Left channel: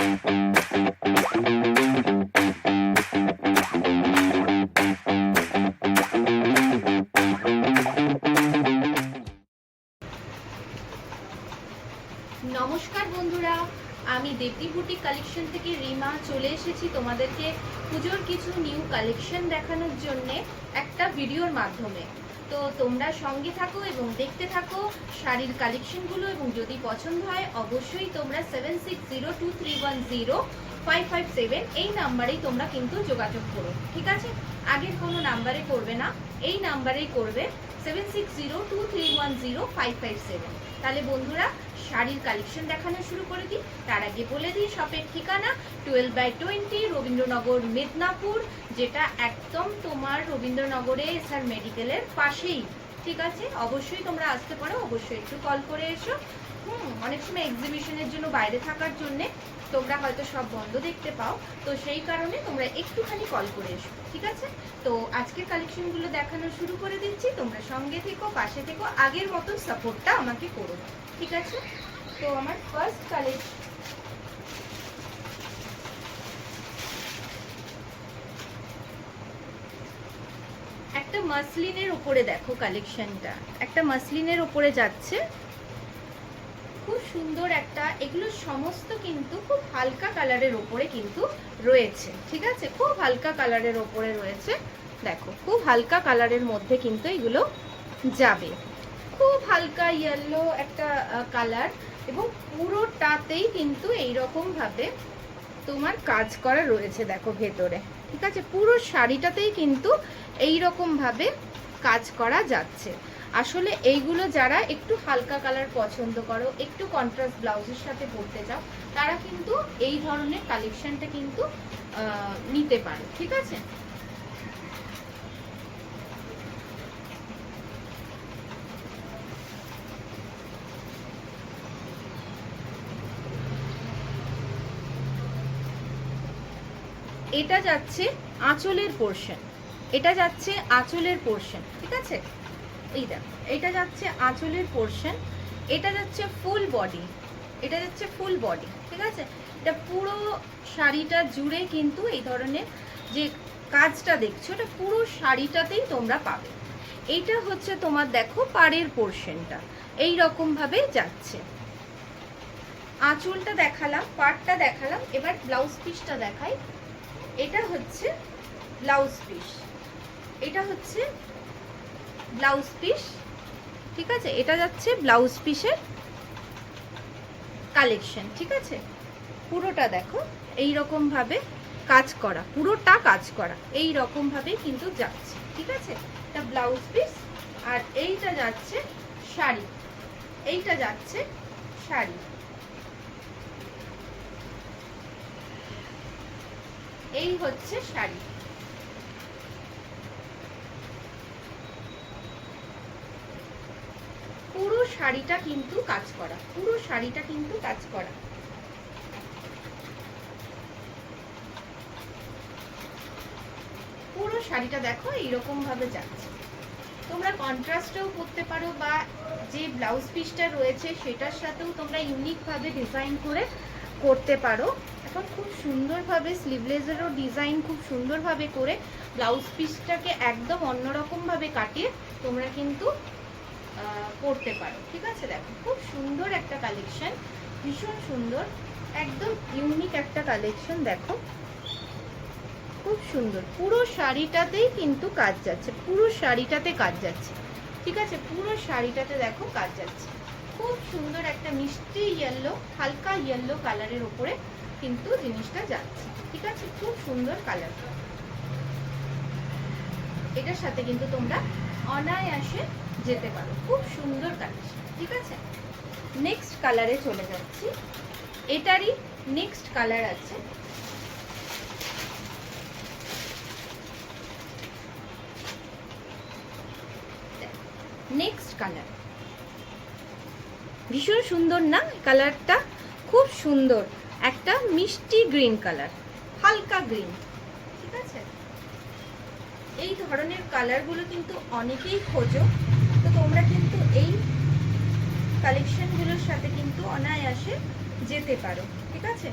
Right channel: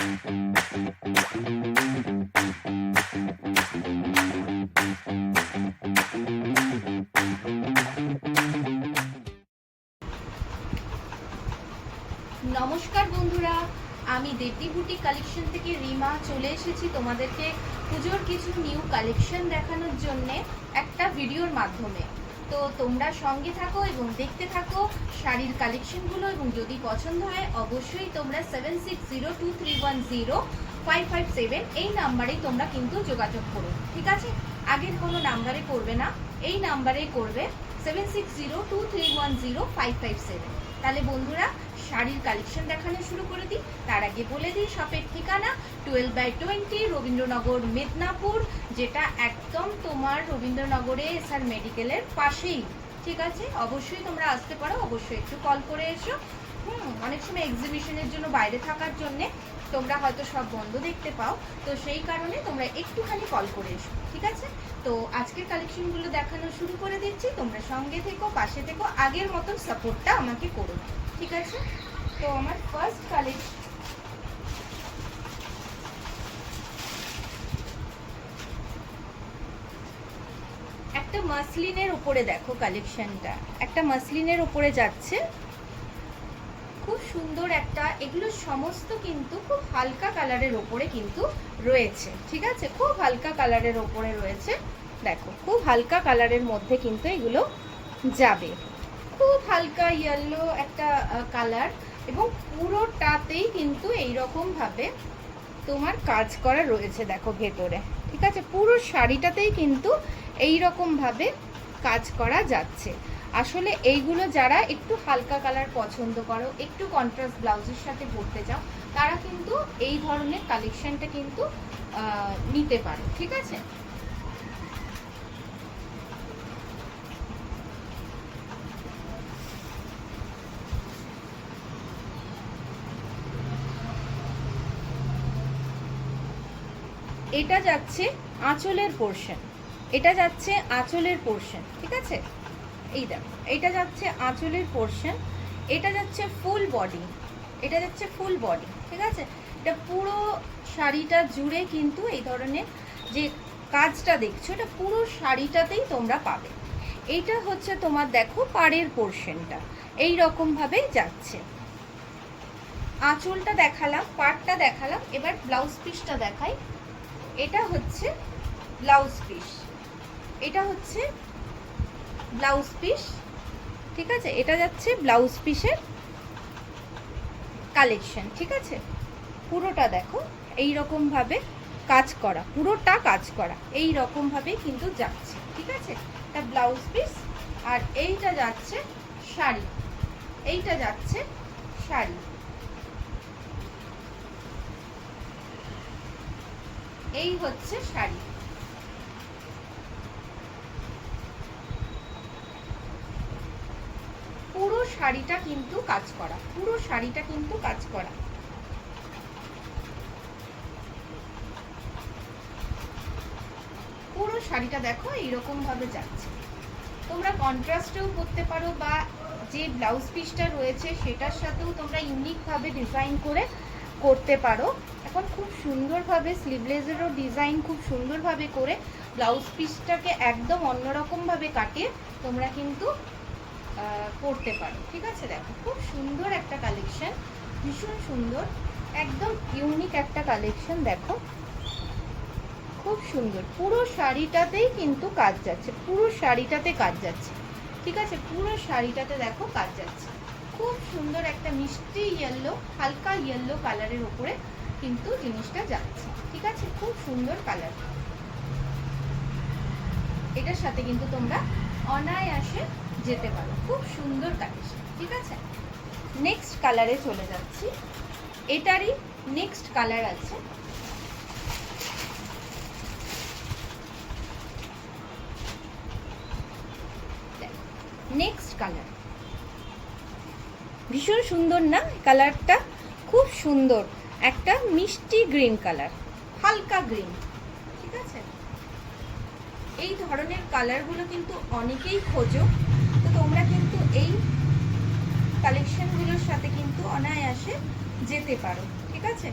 নমস্কার বন্ধুরা, আমি দেবী বুটি কালেকশন থেকে রিমা চলে এসেছি তোমাদেরকে পুজোর কিছু নিউ কালেকশন দেখানোর জন্য একটা ভিডিওর মাধ্যমে। তো তোমরা সঙ্গে থাকো এবং দেখতে থাকো শাড়ির কালেকশনগুলো, এবং যদি পছন্দ হয় অবশ্যই তোমরা 7602310557 এই নাম্বারেই তোমরা কিন্তু যোগাযোগ করো, ঠিক আছে? আগের কোনো নাম্বারে করবে না, এই নাম্বারেই করবে 7602310557। তাহলে বন্ধুরা শাড়ির কালেকশন দেখানো শুরু করে দিই। তার আগে বলে দিই শপের ঠিকানা 12/20 রবীন্দ্রনগর মেদিনীপুর, যেটা একদম তোমার রবীন্দ্রনগরে এসআর মেডিকেলের পাশেই, ঠিক আছে? অবশ্যই তোমরা আসতে পারো, অবশ্যই একটু কল করে এসো। অনেক সময় এক্সিবিশনের জন্য বাইরে থাকার জন্যে তোমরা হয়তো সব বন্ধ দেখতে পাও, তো সেই কারণে তোমরা একটুখানি কল করে এসো, ঠিক আছে? তো আজকের কালেকশনগুলো দেখানো শুরু করে দিচ্ছি, তোমরা সঙ্গে থেকো, পাশে থেকো, আগের মতো সাপোর্টটা আমাকে করো, ঠিক আছে? তো আমার ফার্স্ট কালেকশন একটা মাসলিনের উপরে, দেখো কালেকশনটা একটা মাসলিনের উপরে যাচ্ছে, খুব সুন্দর একটা। এগুলো সমস্ত কিন্তু খুব হালকা কালারের ওপরে কিন্তু রয়েছে, ঠিক আছে? খুব হালকা কালারের ওপরে রয়েছে, দেখো খুব হালকা কালারের মধ্যে কিন্তু এগুলো যাবে। খুব হালকা ইয়েলো একটা কালার, এবং পুরোটাতেই কিন্তু এইরকম ভাবে তোমার কাজ করা রয়েছে, দেখো ভেতরে, ঠিক আছে? পুরো শাড়িটাতেই কিন্তু এইরকম ভাবে কাজ করা যাচ্ছে। আসলে এইগুলো যারা একটু হালকা কালার পছন্দ করো, একটু কন্ট্রাস্ট ব্লাউজের সাথে পরতে চাও, তারা কিন্তু এই ধরনের কালেকশনটা কিন্তু নিতে পারো, ঠিক আছে? এটা যাচ্ছে আঁচলের পোর্শন, এটা যাচ্ছে আঁচলের পোর্শন, ঠিক আছে? এই দেখো এটা যাচ্ছে আঁচলের পোর্শন, এটা যাচ্ছে ফুল বডি, এটা যাচ্ছে ফুল বডি, ঠিক আছে? এটা পুরো শাড়িটা জুড়ে কিন্তু এই ধরনের যে কাজটা দেখছো, এটা পুরো শাড়িটাতেই তোমরা পাবে। এইটা হচ্ছে তোমার দেখো পাড়ের পোর্শনটা এই রকম ভাবে যাচ্ছে। আঁচলটা দেখালাম, পাড়টা দেখালাম, এবার ব্লাউজ পিসটা দেখাই। এটা হচ্ছে ব্লাউজ পিস, এটা হচ্ছে ব্লাউজ পিস, ঠিক আছে? এটা যাচ্ছে ব্লাউজ পিসের কালেকশন, ঠিক আছে? পুরোটা দেখো এই রকম ভাবে কাজ করা, পুরোটা কাজ করা এই রকম ভাবে কিন্তু যাচ্ছে, ঠিক আছে? এটা ব্লাউজ পিস, আর এইটা যাচ্ছে শাড়ি, এইটা যাচ্ছে শাড়ি, এই হচ্ছে শাড়ি। পুরো শাড়িটা কিন্তু কাজ করা, পুরো শাড়িটা কিন্তু কাজ করা। পুরো শাড়িটা দেখো এইরকম ভাবে যাচ্ছে। তোমরা কন্ট্রাস্টেও করতে পারো, বা যে ব্লাউজ পিসটা রয়েছে সেটার সাথেও তোমরা ইউনিক ভাবে ডিজাইন করে করতে পারো। এখন খুব সুন্দরভাবে স্লিভলেসেরও ডিজাইন খুব সুন্দরভাবে করে ব্লাউজ পিসটাকে একদম অন্যরকম ভাবে কাটিয়ে তোমরা কিন্তু করতে পারো, ঠিক আছে? দেখো খুব সুন্দর একটা কালেকশন, ভীষণ সুন্দর, একদম ইউনিক একটা কালেকশন। দেখো খুব সুন্দর, পুরো শাড়িটাতেই কিন্তু কাজ যাচ্ছে, পুরো শাড়িটাতে কাজ যাচ্ছে, ঠিক আছে? পুরো শাড়িটাতে দেখো কাজ যাচ্ছে। খুব সুন্দর একটা মিষ্টি ইয়েলো, হালকা ইয়েলো কালারের উপরে কিন্তু জিনিসটা যাচ্ছে, ঠিক আছে? খুব সুন্দর কালার। এটার সাথে কিন্তু তোমরা অনায়াসে যেতে পারো, খুব সুন্দর কালেকশন, ঠিক আছে? নেক্সট কালারে চলে যাচ্ছি। এটারই নেক্সট কালার আছে, নেক্সট কালার ভীষণ সুন্দর না কালারটা? খুব সুন্দর একটা মিষ্টি গ্রিন কালার, হালকা গ্রিন, ঠিক আছে? এই ধরনের কালারগুলো কিন্তু অনেকেই খোঁজো, তো তোমরা কিন্তু এই কালেকশনগুলোর সাথে কিন্তু অনায়াসে যেতে পারো, ঠিক আছে?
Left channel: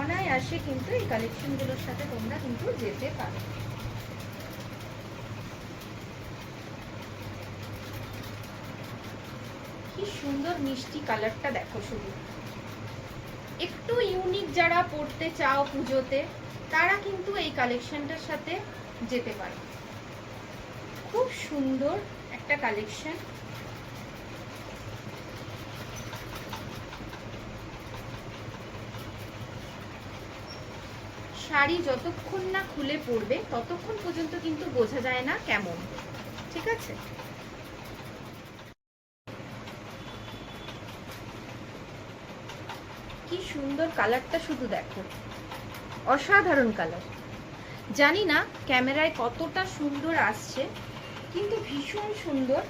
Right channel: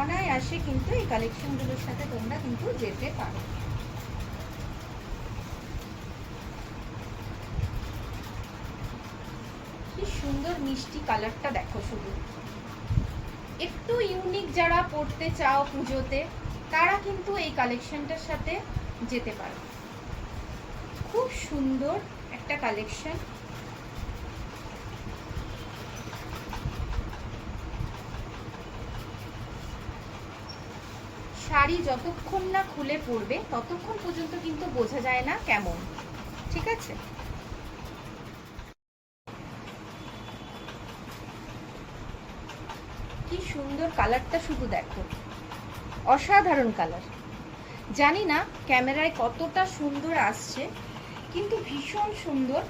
অনায়াসে কিন্তু এই কালেকশনগুলোর সাথে তোমরা কিন্তু যেতে পারো। কি সুন্দর মিষ্টি কালারটা দেখো শুধু। একটু ইউনিক যারা পড়তে চাও পুজোতে, তারা কিন্তু এই কালেকশনটার সাথে যেতে পারো। খুব সুন্দর একটা কালেকশন। শাড়ি যতক্ষণ না খুলে পড়বে ততক্ষণ পর্যন্ত কিন্তু বোঝা যায় না কেমন, ঠিক আছে? কি সুন্দর কালারটা শুধু দেখো, অসাধারণ কালার। জানি না ক্যামেরায় কতটা সুন্দর আসছে, কিন্তু ভীষণ সুন্দর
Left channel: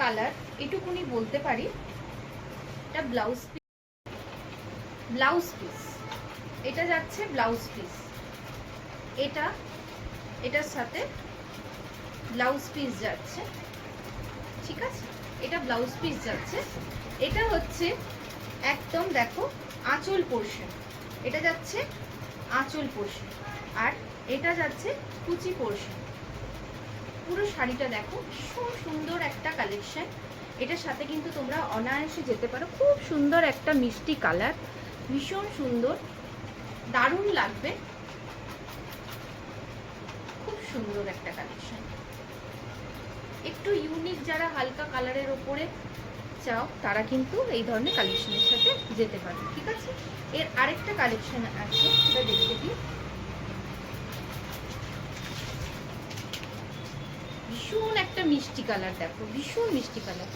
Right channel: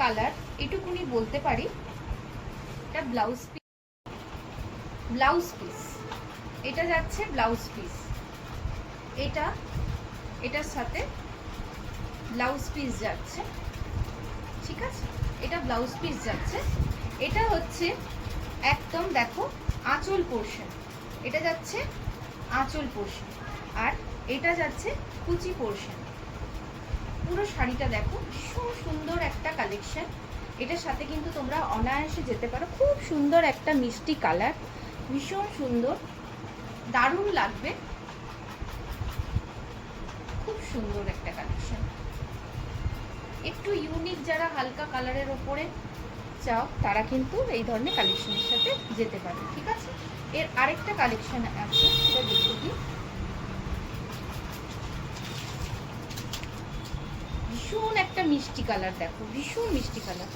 কালার, এটুকুনি বলতে পারি। এটা ব্লাউজ পিস, এটা যাচ্ছে ব্লাউজ পিস, এটার সাথে ব্লাউজ পিস যাচ্ছে, ঠিক আছে? এটা ব্লাউজ পিস যাচ্ছে। এটা হচ্ছে একদম দেখো আঁচল পোর্শন, এটা যাচ্ছে আঁচল পোর্শন, আর এটা যাচ্ছে কুচি পোর্শন। পুরো শাড়িটা দেখো, ভীষণ সুন্দর একটা কালেকশন। এটার সাথে কিন্তু তোমরা অনায়াসে যেতে পারো। খুব সুন্দর একটা মিষ্টি কালার, ভীষণ সুন্দর, দারুণ লাগবে। খুব সুন্দর একটা কালেকশন। একটু ইউনিক যারা হালকা কালারের ওপরে চাও, তারা কিন্তু এই ধরনের কালেকশনের সাথে যেতে পারে, ঠিক আছে? এর আরেকটা কালেকশন আছে, সেটা দেখে দিই। ভীষণ একটা মিষ্টি কালার দেখো, ভীষণ মিষ্টি কালার,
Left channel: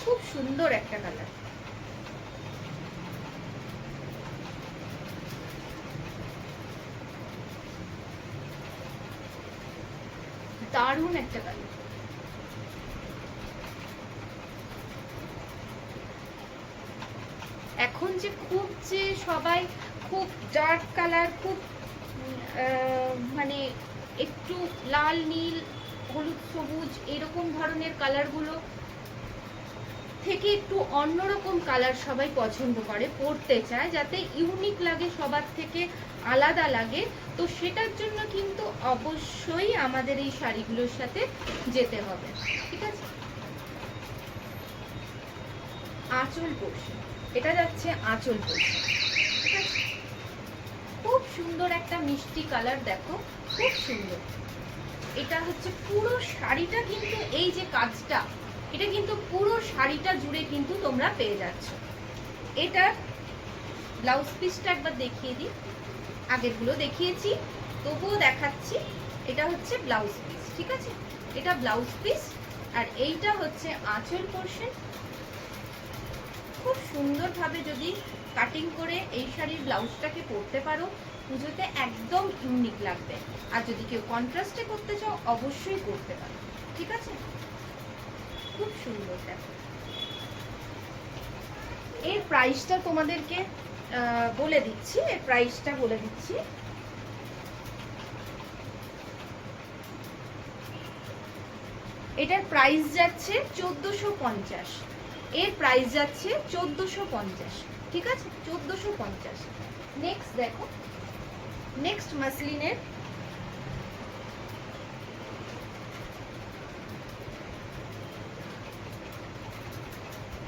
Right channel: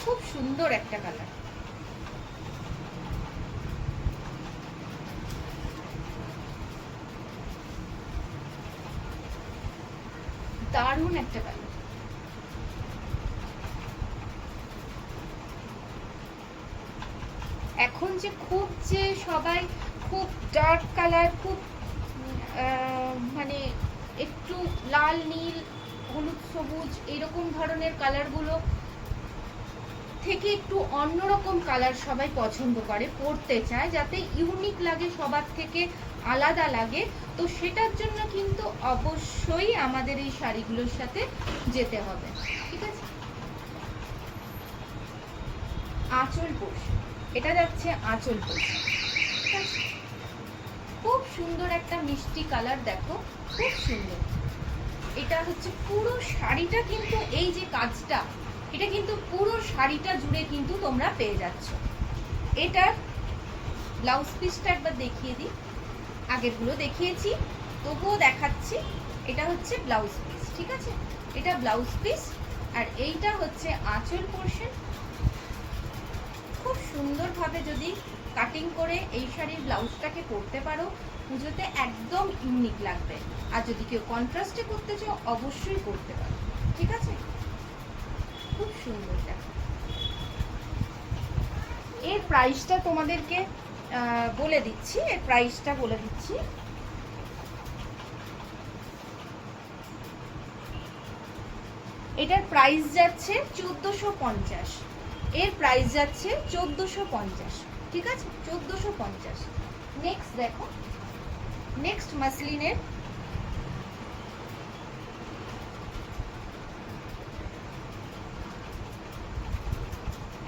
খুব সুন্দর একটা কালার। দারুণ একটা কালার। এখন যে সবাই খুব ডার্ক কালার, খুব মানে একটু লাল নীল হলুদ সবুজ এরকম ধরনের কালারগুলো থেকে একটু অন্যরকম কালার সবাই পছন্দ করে, পরতে চায়, যাতে ইউনিক লাগে, সবার থেকে আলাদা লাগে। তো সেটার জন্য কিন্তু অবশ্যই আমাদের এই শাড়িগুলোর সাথে যেতে হবে, ঠিক আছে? আঁচল পোর্শন, এটা যাচ্ছে আঁচল পোর্শন, ঠিক আছে? খুব সুন্দর একটা মিষ্টি কালার দেখো, খুব সুন্দর। এটা হচ্ছে পুরো শাড়িটা কিন্তু এই যে কাজটা, এটা কিন্তু পুরো শাড়িটা জুড়ে কিন্তু তোমরা পেয়ে যাচ্ছ। এটার ব্লাউজ পিসটা একবার দেখিয়ে দিই, আগেরগুলো দেখিয়েছি তবুও দেখাচ্ছি। এটা হচ্ছে ব্লাউজ পিস, ঠিক আছে? এটা ব্লাউজ পিস, আর এইটা হচ্ছে আঁচল পোর্শন। খুব সুন্দরভাবে যদি কাটিং করে এই শাড়ির ব্লাউজটাকে পরতে পারো, পুজোতে একদম ইউনিক লাগবে। আর যদি কেউ কন্ট্রাস্টে করতে চাও, অবশ্যই করতে পারো, ঠিক আছে? খুব সুন্দর দেখো। এর প্রাইসটা তোমাদেরকে বলে দিচ্ছি, এর প্রাইসটা বলে দিচ্ছি। এটার প্রাইস যাচ্ছে 1450, এর প্রাইস যাচ্ছে 1450, ঠিক আছে? 1450। নেক্সট দেখো, নেক্সট মাসলিনের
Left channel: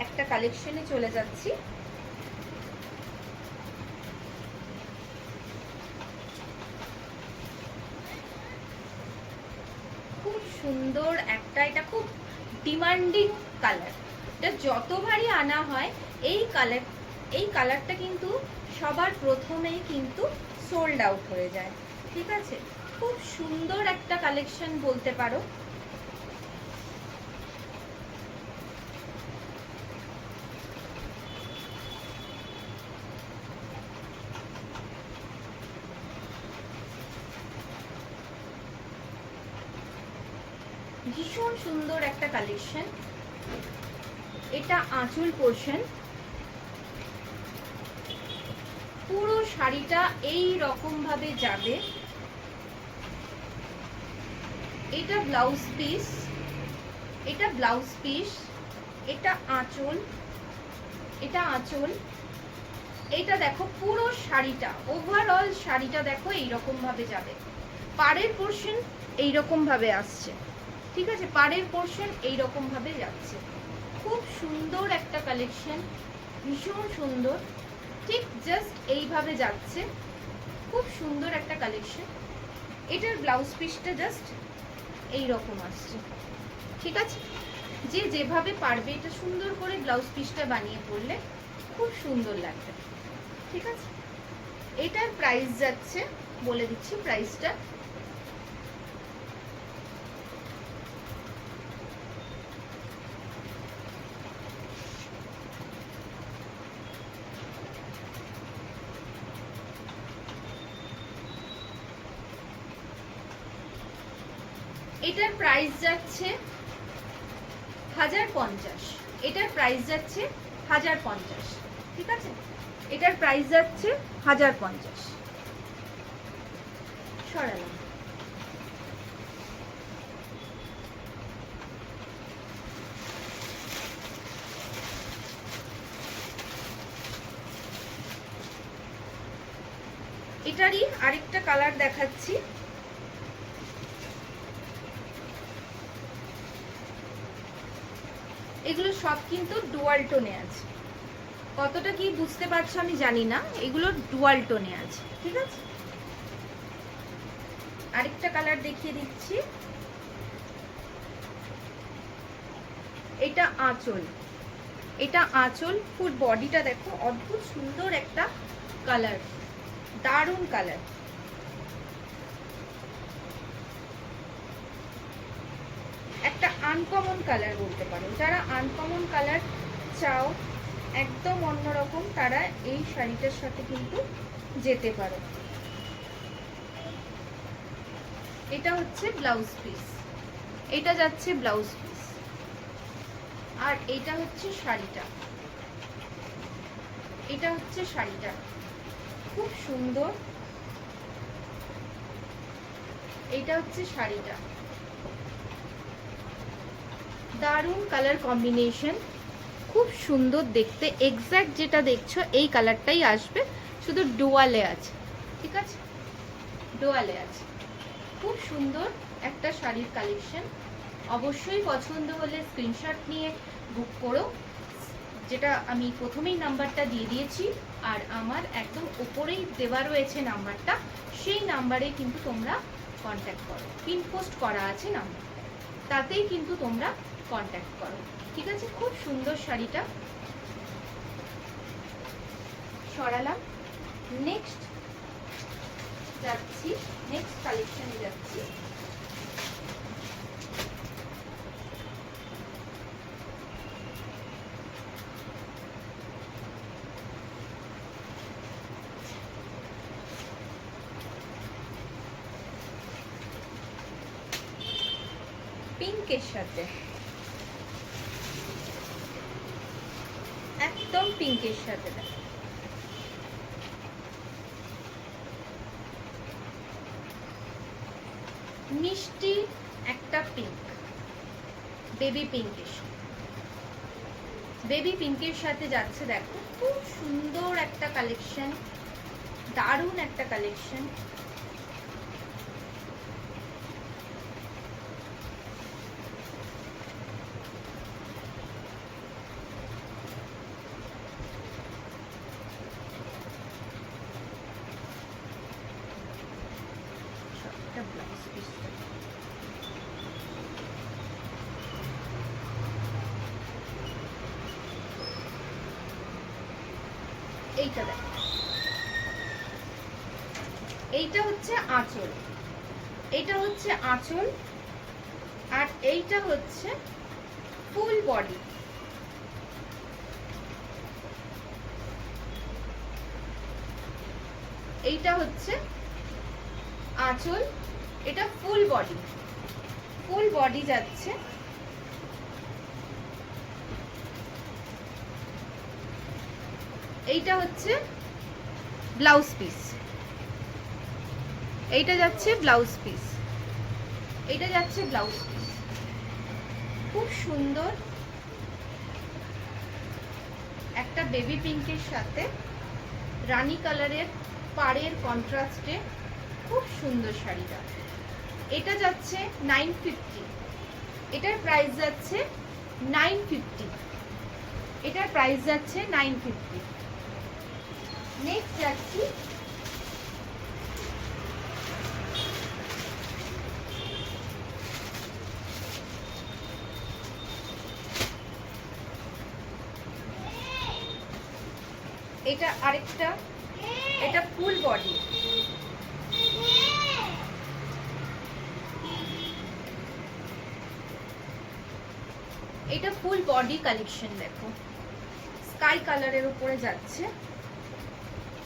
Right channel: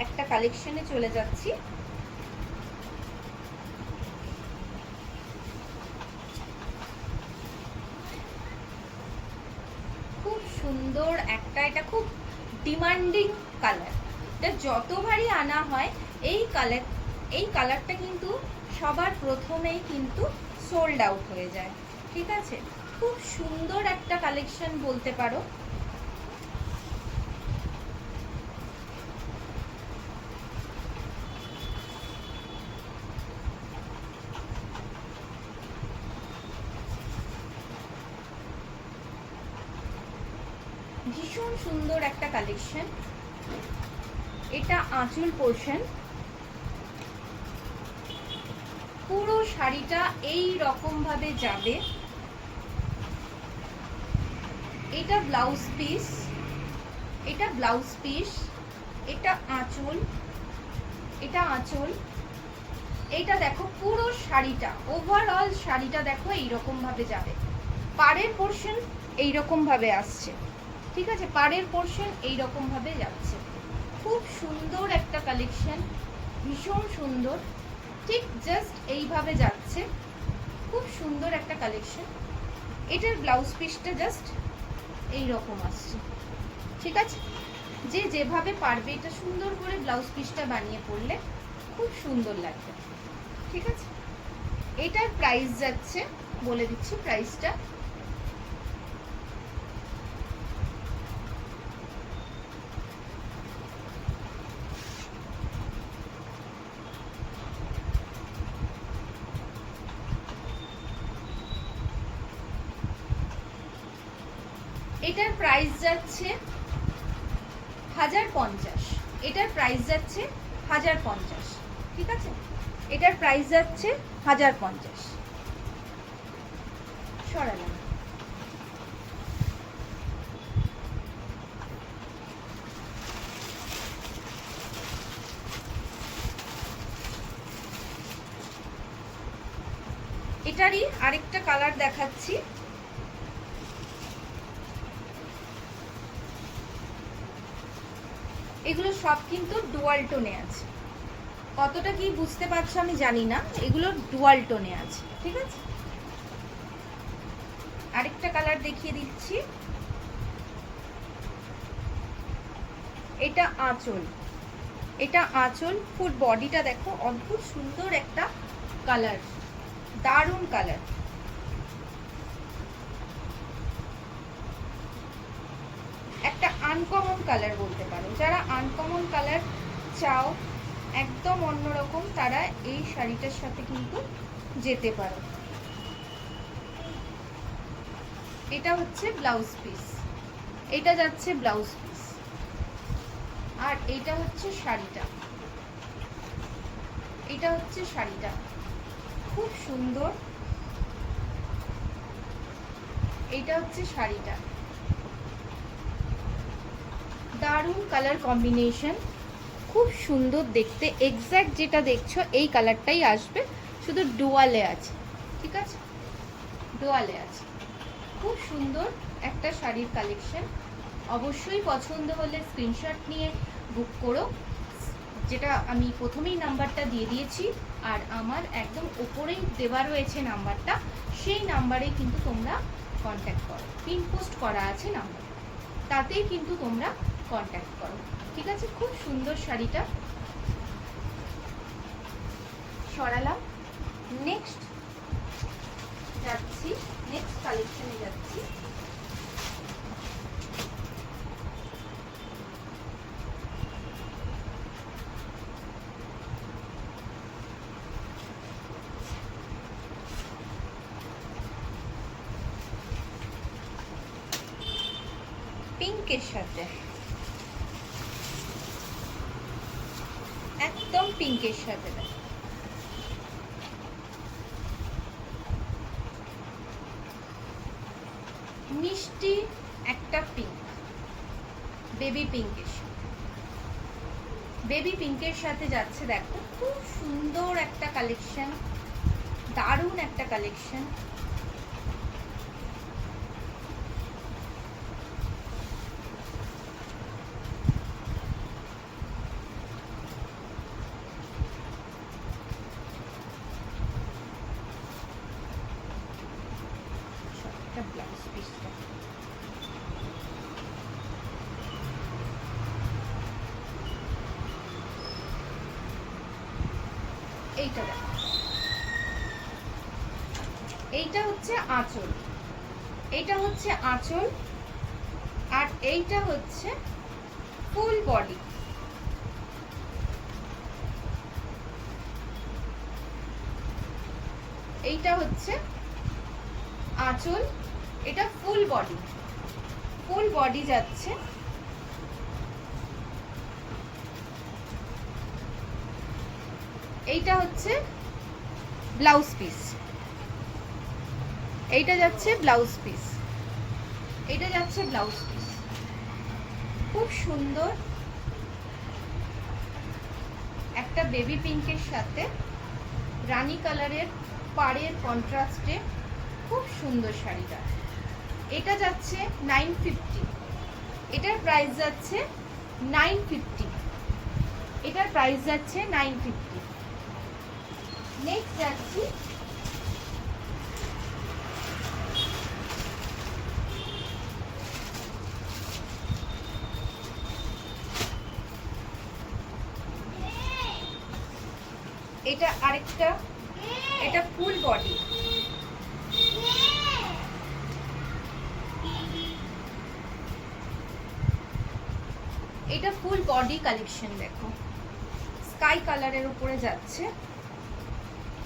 একটা কালেকশনে চলে যাচ্ছি। খুব সুন্দর একটা, এটা খুব ডিমান্ডিং কালার। এটা যতবারই আনা হয় এই কালারটা কিন্তু সবার প্রথমেই কিন্তু সোল্ড আউট হয়ে যায়, ঠিক আছে? খুব সুন্দর একটা কালেকশন বলতে পারো। ভীষণ সুন্দর একটা কালেকশন। এটা আঁচল পোর্শন, পুরো শাড়িটা এই রকম ভাবে যাবে। এটা ব্লাউজ পিস, এটা ব্লাউজ পিস, এটা আঁচল, এটা আঁচল, এইটা দেখো পুরো শাড়িটা, ওভারঅল শাড়িটা দেখো এইরকম ভাবে যাবে। পাড়ের পোর্শন এইরকম ভাবে আসছে, ঠিক আছে, পাড়ের পোর্শন এইরকম ভাবে যাচ্ছে। খুব সুন্দর একটা কালেকশন, ভীষণ সুন্দর, ঠিক জাস্ট এইভাবে যাচ্ছে। খুব সুন্দর একটা কালেকশন। এটার ব্লাউজ পিসটা জাস্ট এইরকম আসছে, ঠিক আছে। যে যেভাবে পারবে এটা সুন্দর করে ব্লাউজ পিসটা বানিয়ে পরলে খুব সুন্দর লাগবে, ঠিক আছে। এটার প্রাইস যাচ্ছে, বলে দিচ্ছি প্রাইসটা। এটার প্রাইস যাচ্ছে 1050। এটার প্রাইস যাচ্ছে 1050, ঠিক আছে। এটার প্রাইস যাচ্ছে 1050। সরালাম। এটারই আরেকটা কালার দেখাচ্ছি। এগুলো সব কিন্তু ডুয়াল টোনে আছে, কতটা কি বুঝতে পারছো আমি জানি না, এগুলো ডুয়াল টোনে আছে, ঠিক আছে। আরেকটা কালার দেখিয়ে দিচ্ছি। এটা আঁচল, এটা আঁচল, ফুল বডিটা দেখো, অদ্ভুত সুন্দর একটা কালার, দারুণ কালার। একটা আনকমন কালার বলতে পারো, যারা আনকমন কালার চাও একদম অন্যরকম, তারা এই শাড়িটার সাথে কিন্তু যেতে পারো। এটা হচ্ছে ব্লাউজ পিস, এটা যাচ্ছে ব্লাউজ পিস, আর এটা হচ্ছে শাড়িটা, এটা হচ্ছে শাড়িটা, খুব সুন্দর। এটা হচ্ছে শাড়িটা, দারুণ কালার কম্বিনেশন, খুব সুন্দর দেখতে। এক্স্যাক্ট যেটা দেখছো এই কালারটাই আসবে, শুধু ডুয়ালে আছে, ঠিক আছে, ডুয়ালে আছে। খুব সুন্দর একটা শাড়ির কালেকশন। অবশ্যই পছন্দ হলে স্ক্রিনশট নিয়ে বুক করো, যেটা আমি প্রথমেই নাম্বারটা দিয়ে দিয়েছি, আর আমার একদম ওপরেই দেওয়া রয়েছে নাম্বারটা, সেই নাম্বারে কিন্তু তোমরা কন্ট্যাক্ট করো, পিন পোস্ট করা আছে নাম্বার, তাতেই কিন্তু তোমরা কন্ট্যাক্ট করো, ঠিক আছে। খুব সুন্দর শাড়িটা। সরালাম। নেক্সট যাচ্ছি, নেক্সট কালেকশনে যাচ্ছি। পিঙ্কের সাথে, একদম পিঙ্কের সাথে মিষ্টি একটা পিঙ্ক, বেবি পিঙ্কের সাথে, বেবি পিঙ্কের সাথে যাচ্ছে। দেখো খুব সুন্দর একটা কালেকশন, দারুণ একটা কালেকশন। ব্লাউজ পিসটা এইটা দেখো, এইটা হচ্ছে আঁচল, এইটা হচ্ছে আঁচল, আর এইটা হচ্ছে ফুল বডি। এইটা হচ্ছে আঁচল, এটা ফুল বডি, ফুল বডি যাচ্ছে। এইটা হচ্ছে ব্লাউজ পিস, এইটা যাচ্ছে ব্লাউজ পিস, এইটা যাচ্ছে ব্লাউজ পিস। খুব সুন্দর একটা বেবি পিঙ্কের সাথে রানী কালারের পাড়ের কন্ট্রাস্টে খুব সুন্দর শাড়িটা। এটা যাচ্ছে 950, এটার প্রাইস যাচ্ছে 950, এটার প্রাইস যাচ্ছে 950। নেক্সট যাচ্ছি এটা আরেকটা, এটা ফুল বডি, এটা ফুল বডি কালেকশন। দেখো স্কাই কালারের উপরে যাচ্ছে,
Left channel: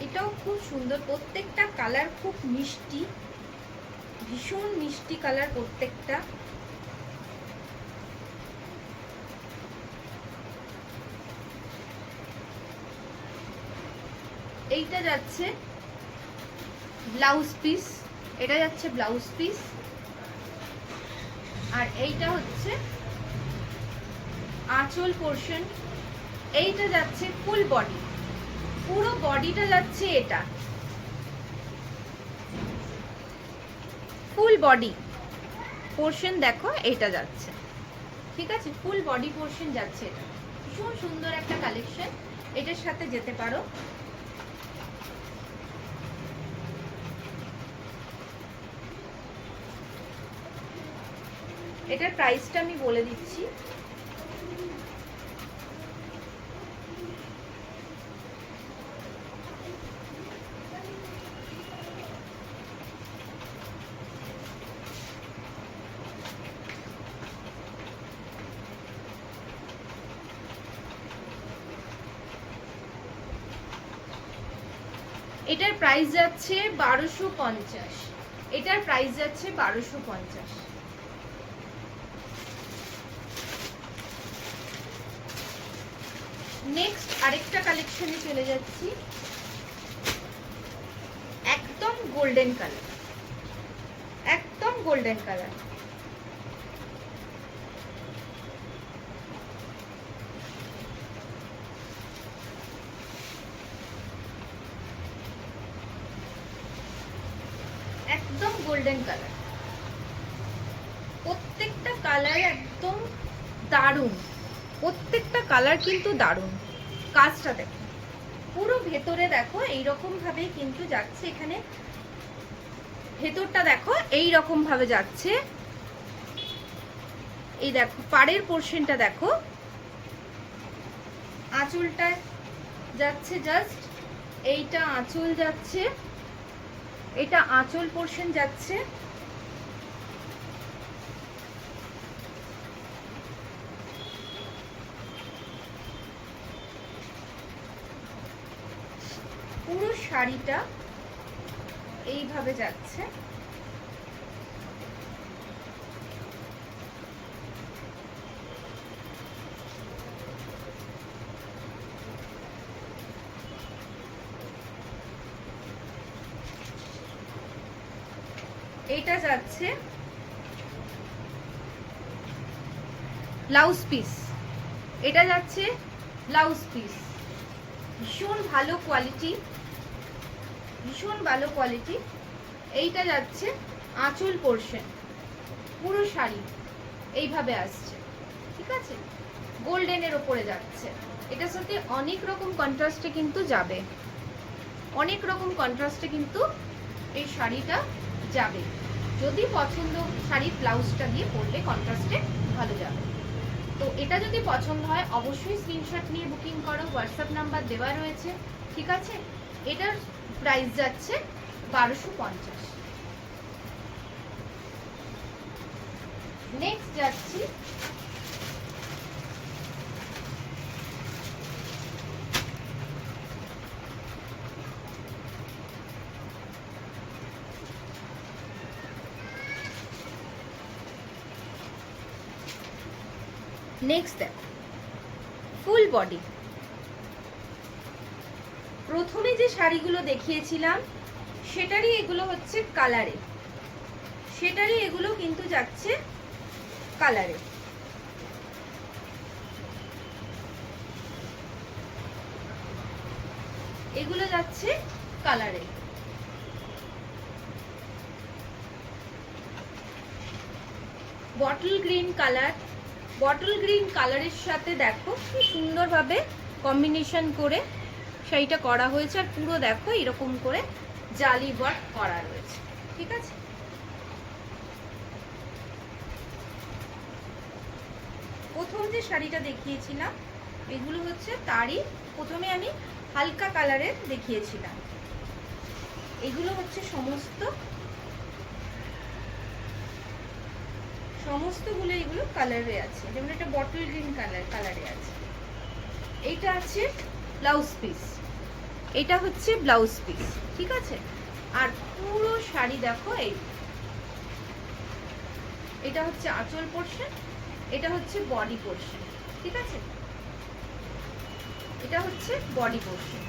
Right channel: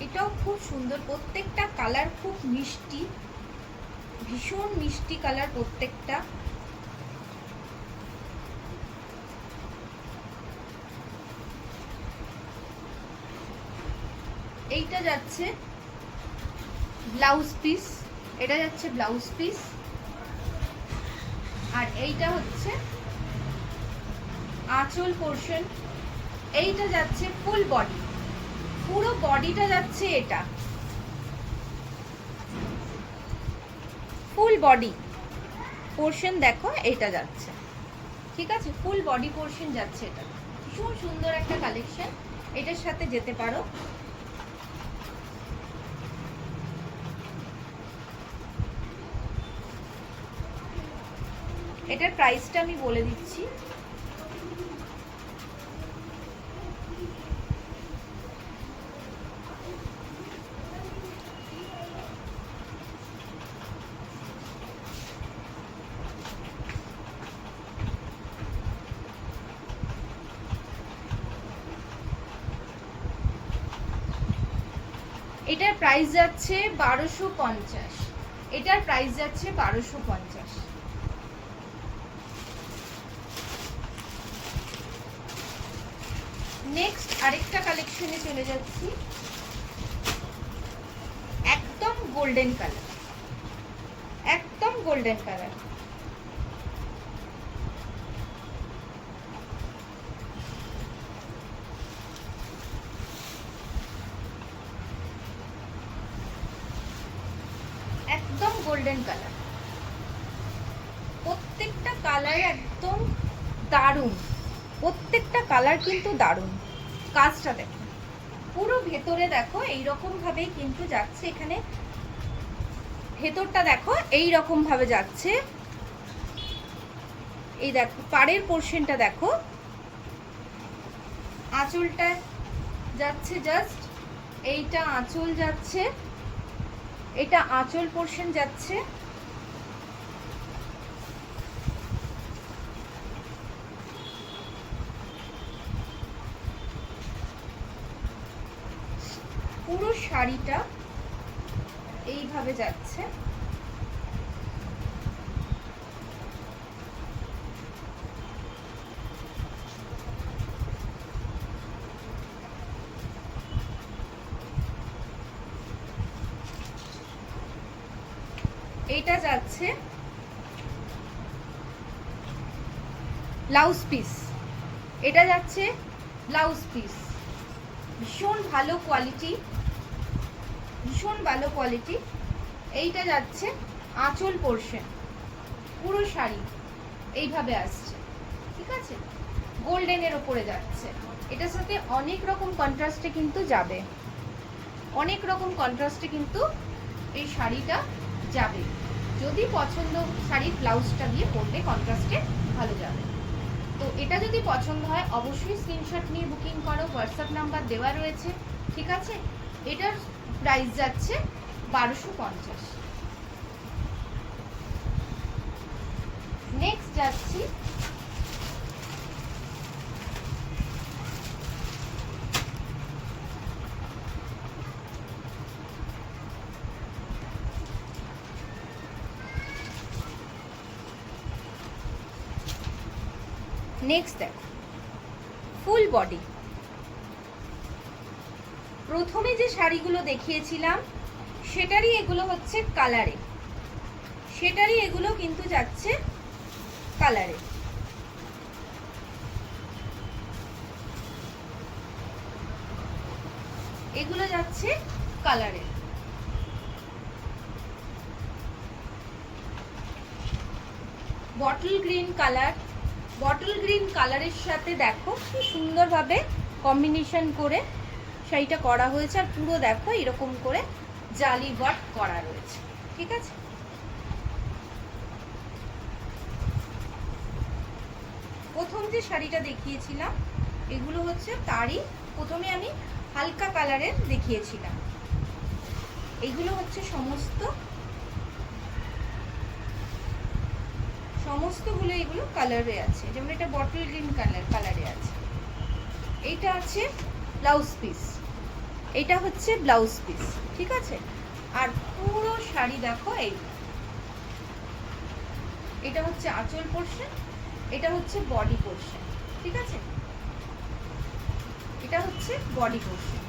এটাও খুব সুন্দর, প্রত্যেকটা কালার খুব মিষ্টি, ভীষণ মিষ্টি কালার প্রত্যেকটা। এইটা যাচ্ছে ব্লাউজ পিস, এটা যাচ্ছে ব্লাউজ পিস, আর এইটা হচ্ছে আঁচল পোর্শন। এইটা যাচ্ছে ফুল বডি, পুরো বডিটা যাচ্ছে, এটা ফুল বডি পোর্শন দেখো, এইটা যাচ্ছে, ঠিক আছে, ফুল বডি পোর্শন যাচ্ছে। এটা ভীষণ সুন্দর একটা কালেকশন, এটার সাথে যেতে পারো। এটার প্রাইসটা আমি বলে দিচ্ছি, এটার প্রাইস যাচ্ছে 1250, এটার প্রাইস যাচ্ছে 1250। নেক্সট আরেকটা কালেকশনে চলে যাচ্ছি, একদম গোল্ডেন কালার, একদম গোল্ডেন কালার। একদম গোল্ডেন কালার, প্রত্যেকটা কালার একদম দারুণ, প্রত্যেকটা কালার কিন্তু দারুণ। কাজটা দেখো, পুরো ভেতরে দেখো এইরকম ভাবে কিন্তু যাচ্ছে, এখানে ভেতরটা দেখো এইরকম ভাবে যাচ্ছে। এই দেখো পাড়ের পোর্শনটা দেখো, আঁচলটা যাচ্ছে জাস্ট, এইটা আঁচল যাচ্ছে, এটা আঁচল পোর্শন যাচ্ছে। পুরো শাড়িটা এইভাবে যাচ্ছে, এটা যাচ্ছে ব্লাউজ পিস, এটা যাচ্ছে ব্লাউজ পিস, ভীষণ ভালো কোয়ালিটি, ভীষণ ভালো কোয়ালিটি। এইটা যাচ্ছে আঁচল পোর্শন, পুরো শাড়ি এইভাবে আসছে, ঠিক আছে, গোল্ডেনের ওপরে যাচ্ছে। এটার সাথে অনেক রকম কন্ট্রাস্টে কিন্তু যাবে, অনেক রকম কন্ট্রাস্টে কিন্তু এই শাড়িটা যাবে। যদি পছন্দ শাড়ি ব্লাউজটা দিয়ে পরলে কন্ট্রাস্টে ভালো যাবে। তো এটা যদি পছন্দ হয় অবশ্যই স্ক্রিনশট নিয়ে বুকিং করো, হোয়াটসঅ্যাপ নাম্বার দেওয়া রয়েছে, ঠিক আছে। এটার প্রাইস যাচ্ছে 1250। নেক্সট যাচ্ছি নেক্সট দেখ ফুল বডি। প্রথমে যে শাড়িগুলো দেখিয়েছিলাম সেটারই এগুলো হচ্ছে কালারে, সেটারই এগুলো কিন্তু যাচ্ছে কালারে। এগুলো যাচ্ছে কালারে। Bottle green colour, bottle green কালারের সাথে দেখো খুব সুন্দরভাবে কম্বিনেশন করে শাড়িটা করা হয়েছে। আর পুরো দেখো এরকম করে জালি ওয়ার্ক করা রয়েছে, ঠিক আছে। প্রথম যে শাড়িটা দেখিয়েছিলাম এগুলো হচ্ছে তারই, প্রথমে আমি হালকা কালারের দেখিয়েছিলাম। এগুলো হচ্ছে সমস্তগুলো এগুলো কালারে আছে, যেমন এটা বটল গ্রিন কালারে আছে। এইটা আছে ব্লাউজ পিস, এটা হচ্ছে ব্লাউজ পিস, ঠিক আছে। আর পুরো শাড়ি দেখো এটা হচ্ছে আঁচল পোরশন, এটা হচ্ছে বডি পোরশন, ঠিক আছে। এটা হচ্ছে বডি পোরশন।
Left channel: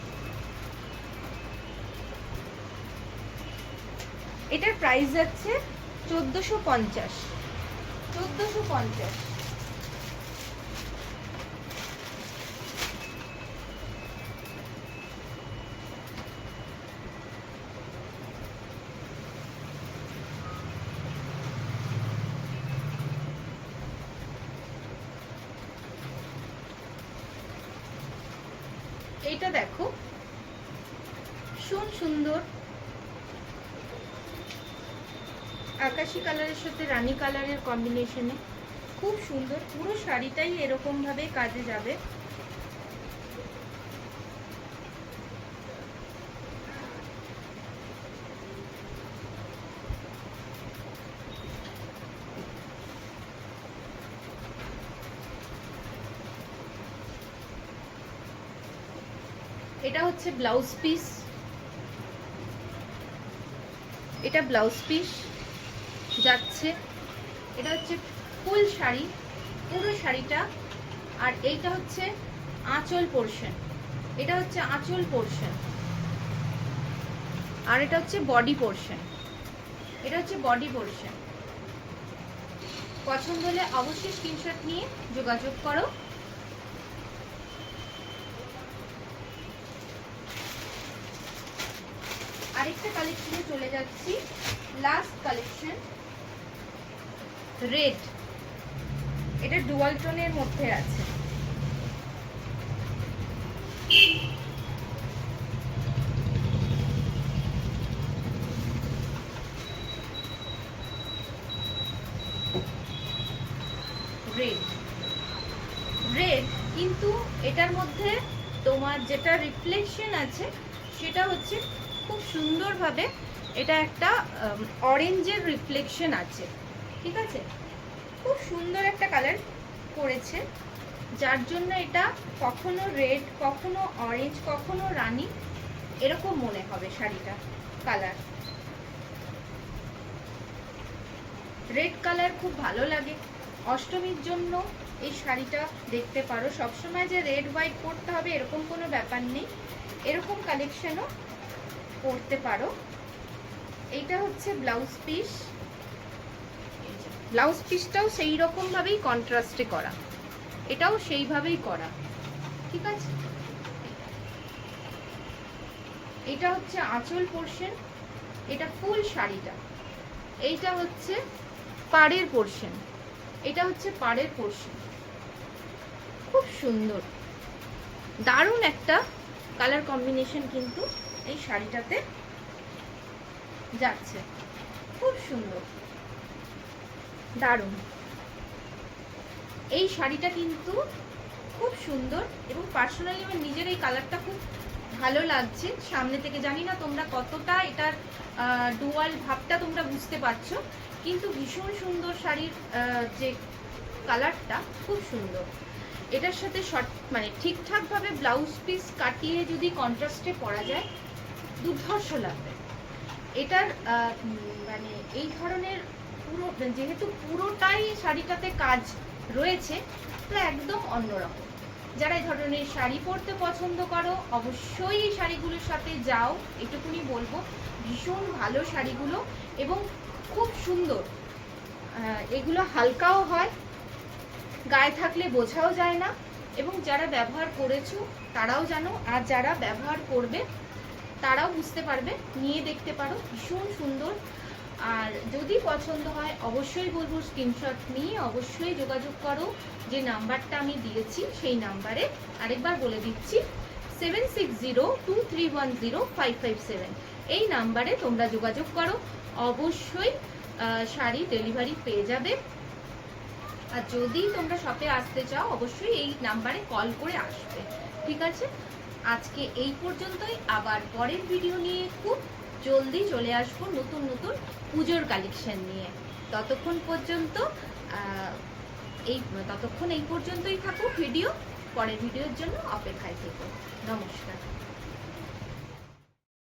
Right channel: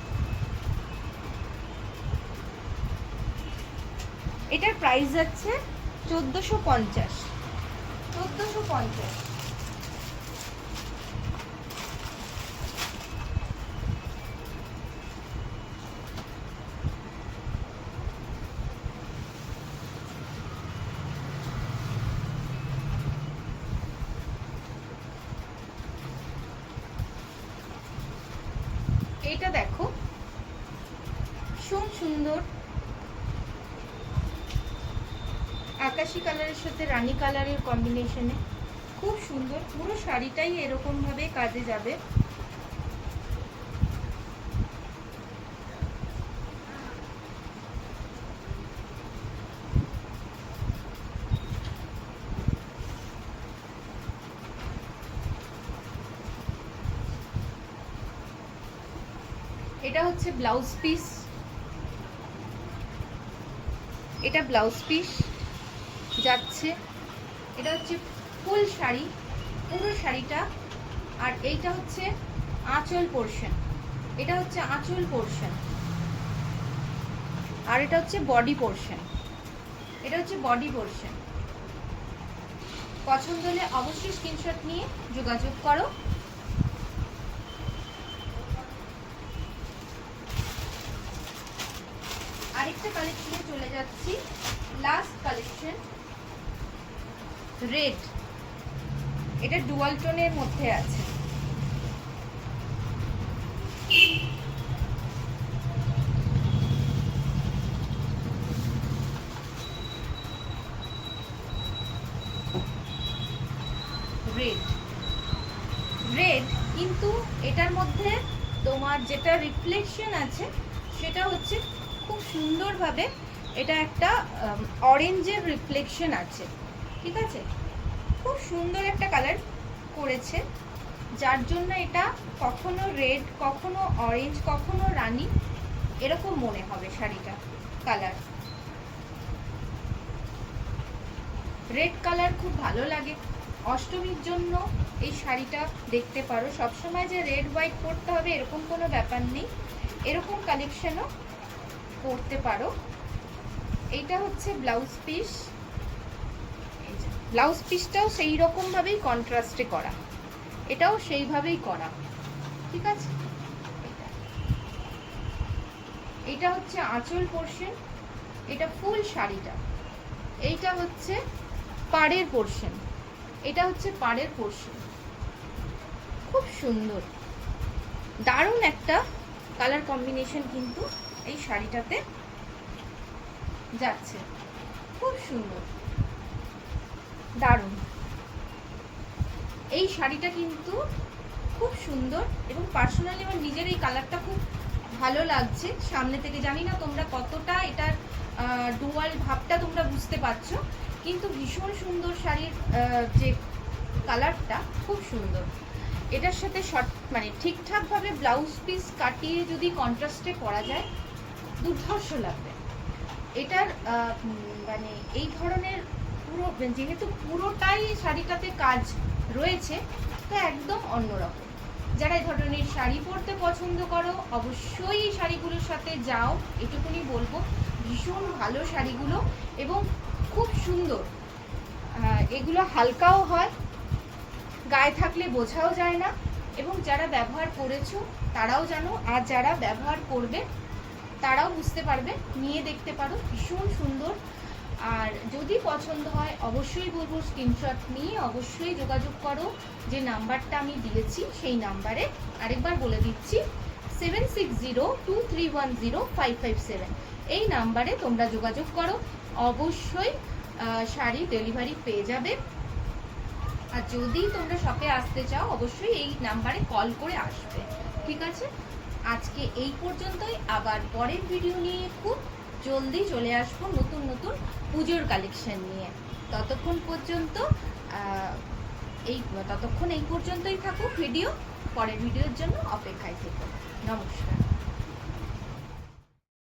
এটার প্রাইস যাচ্ছে 1450। এইটা দেখো সুন্দর আকাশি কালারের সাথে রানী কালারের কম্বিনেশনে, খুব সুন্দর। পুরো শাড়িটাই এরকম ভাবে কাজে যাবে। এটা হচ্ছে ব্লাউজ পিস, এটা ব্লাউজ পিস যাচ্ছে। এটা হচ্ছে ফুল শাড়ি, পুরো শাড়িটা। আর এইটা হচ্ছে আঁচল পোরশন, এটা হচ্ছে আঁচল পোরশন। আর এটা হচ্ছে বডি পোরশন, এটা হচ্ছে বডি পোরশন। পছন্দ হলে অবশ্যই স্ক্রিনশট নিয়ে যোগাযোগ করো। আরেকটা কালেকশনে চলে যাচ্ছি, লাস্ট কালেকশন রেড। এটা ডুয়াল টোনের মধ্যে আছে। রেড কিন্তু এটার মধ্যে তোমার যেটা রিফ্লেকশন আছে সেটা হচ্ছে খুব সুন্দরভাবে, এটা একটা অরেঞ্জের রিফ্লেকশন আছে, ঠিক আছে। খুব সুন্দর একটা কালার করেছে, যার জন্য এটা কখনো রেড, কখনো অরেঞ্জ, কখনো রানী, এরকম মনে হবে শাড়িটা কালার। রেড কালার খুব ভালো লাগে। অষ্টমীর জন্য এই শাড়িটা দেখতে পারো। সবসময় যে রেড হোয়াইট পরতে হবে এরকম কোনো ব্যাপার নেই, এরকম কালেকশনও পরতে পারো। এইটা হচ্ছে ব্লাউজ পিস, ব্লাউজ পিসটাও সেই রকম ভাবেই কন্ট্রাস্টে করা, এটাও সেইভাবেই করা, ঠিক আছে। এটা হচ্ছে আঁচল পোরশন, এটা ফুল শাড়িটা। এইটা হচ্ছে পাড়ের পোরশন, এটা হচ্ছে পাড়ের পোরশন। খুব সুন্দর, দারুণ একটা কালার কম্বিনেশন কিন্তু এই শাড়িটাতে যাচ্ছে, খুব সুন্দর, দারুণ। এই শাড়িটা কিন্তু খুব সুন্দর এবং পার্সোনালি আমার নিজের এই কালারটা খুব ভালো লাগছে সামনে থেকে। জানি না তোমরা কতটা এটার ডুয়াল ভাবটা তোমরা বুঝতে পারছো, কিন্তু ভীষণ সুন্দর শাড়ির যে কালারটা খুব সুন্দর। এটার সাথে মানে ঠিকঠাকভাবে ব্লাউজ পিস কাটিয়ে যদি কন্ট্রাস্টে পরা যায় দুর্ধর্ষ লাগবে। এটার মানে এই ধরনের পুরো, যেহেতু পুরোটাই শাড়িটাতে কাজ রয়েছে, তো একদম অন্যরকম। যারা এই ধরনের শাড়ি পরতে পছন্দ করো অবশ্যই এই শাড়িগুলোর সাথে যাও, এটুকুনি বলবো। ভীষণ ভালো শাড়িগুলো এবং খুব সুন্দর। এগুলো হালকাও হয়, গায়ে থাকলে বোঝাও যায় না, এবং যারা ব্যবহার করেছো তারাও জানো, আর যারা ব্যবহার করবে তারাও বুঝতে পারবে, নিয়ে দেখতে পারো, ভীষণ সুন্দর। আর যদি পছন্দ হয় অবশ্যই বলবো স্ক্রিনশট নিয়ে অবশ্যই যোগাযোগ করো, যে নাম্বারটা আমি দিয়েছি সেই নাম্বারে। আরেকবার বলে দিচ্ছি 7602310557, এই নাম্বারে তোমরা যোগাযোগ করো, অবশ্যই শাড়ি ডেলিভারি পেয়ে যাবে। আর যদি তোমরা শপে আসতে চাও অবশ্যই এই নাম্বারে কল করে আসবে, ঠিক আছে? আজকে এই পর্যন্তই, আবার পরের ভিডিও নিয়ে খুব জলদি চলে আসবো নতুন নতুন পুজোর কালেকশন নিয়ে। ততক্ষণ এই পর্যন্তই থাকুক ভিডিও, পরের ভিডিওর জন্য অপেক্ষায় থেকো। নমস্কার।